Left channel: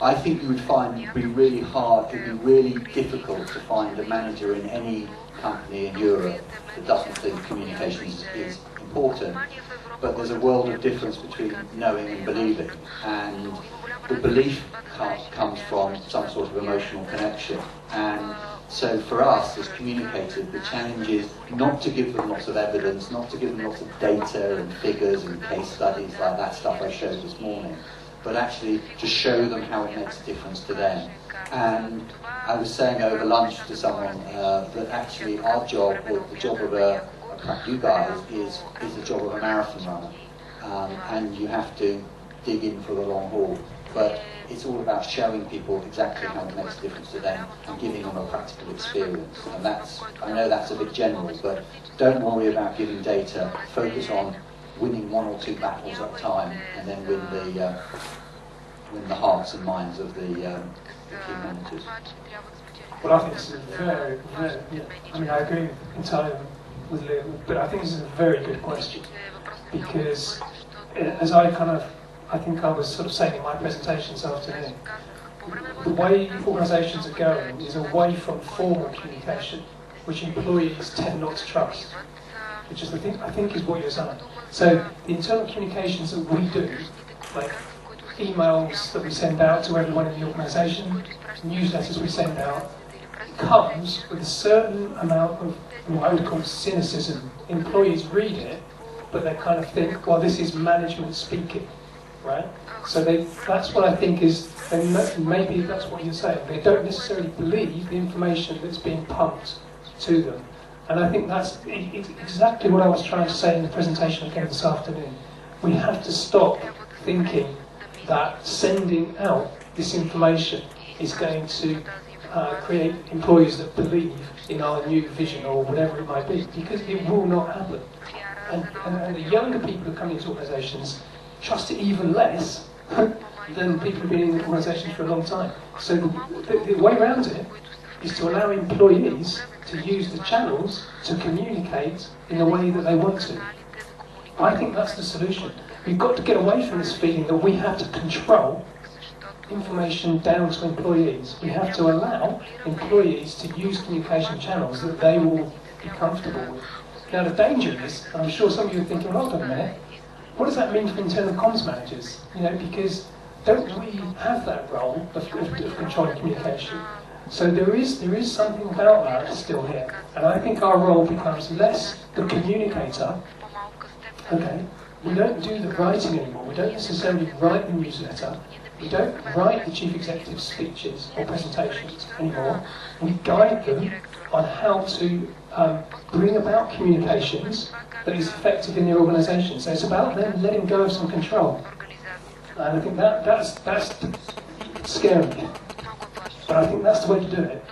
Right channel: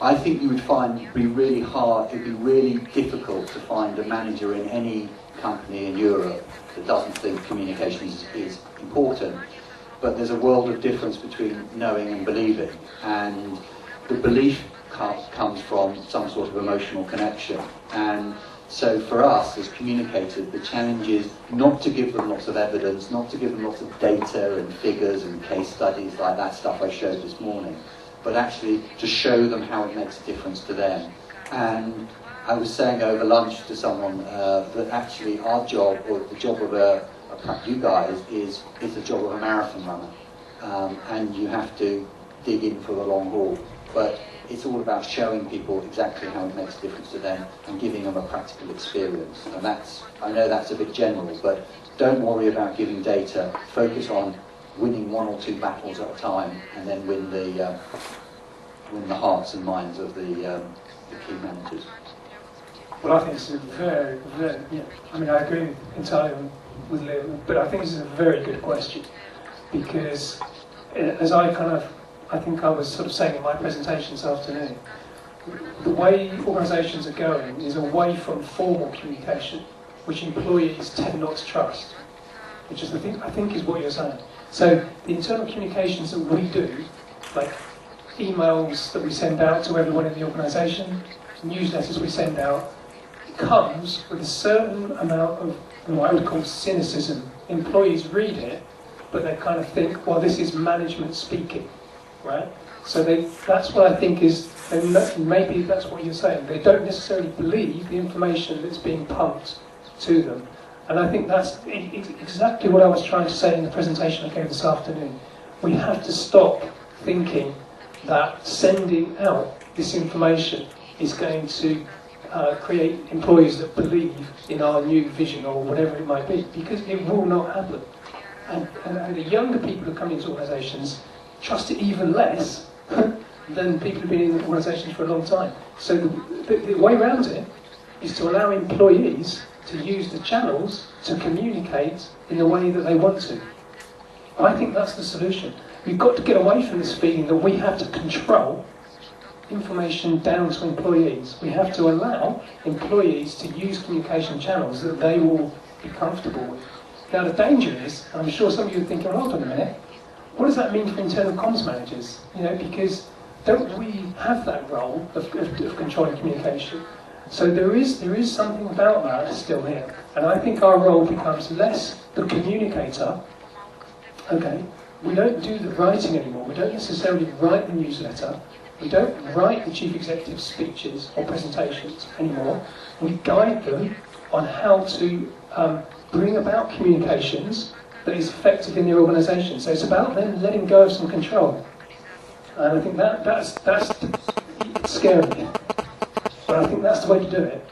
I think you would find it'd be really hard, it'd be really difficult to find a manager in any company in Europe that doesn't think communications is important. But there's a world of difference between knowing and believing, and the belief comes from some sort of emotional connection. And so for us as communicators, the challenge is not to give them lots of evidence, not to give them lots of data and figures and case studies like that stuff I showed this morning, but actually to show them how it makes a difference to them. And I was saying over lunch to someone that actually our job, or the job of you guys, is the job of a marathon runner. And you have to dig in for the long haul. But it's all about showing people exactly how it makes a difference to them and giving them a practical experience. And that's, I know that's a bit general, but don't worry about giving data. Focus on winning 1 or 2 battles at a time, and then win the hearts and minds of the key managers. Well, I think this is a very, I mean, I agree entirely with Liam, but I think this is a very good question, because as I think I was sort of saying in my presentation this afternoon, the way organisations are going is away from formal communication, which employees tend not to trust, which is I think is what you're saying. So the internal communications that we do, like emails that we send out to everyone in the organisation, newsletters we send out, comes with a certain amount of what I would call cynicism. Employees read it, but they kind of think, well, this is management speaking, right? So that's what I think is, and maybe that's what you're saying, they don't necessarily believe the information that's being pumped to them. And I think that's exactly what I was trying to say in the presentation I gave this afternoon. We have to stop thinking that sending out this information is going to create employees that believe in our new vision or whatever it might be, because it will not happen. And the younger people who come into organisations trust it even less than people who've been in organisations for a long time. So the way around it is to allow employees to use the channels to communicate in the way that they want to. I think that's the solution. We've got to get away from this feeling that we have to control information down to employees. We have to allow employees to use communication channels that they will be comfortable with. Now the danger is, and I'm sure some of you are thinking, hold on a minute, what does that mean for internal comms managers? You know, because don't we have that role of controlling communication? So there is something about that still here. And I think our role becomes less the communicator. Okay, we don't do the writing anymore. We don't necessarily write the newsletter. We don't write the chief executive speeches or presentations anymore. We guide them on how to bring about communications that is effective in their organisation. So it's about them letting go of some control. And I think that's scary. But I think that's the way to do it.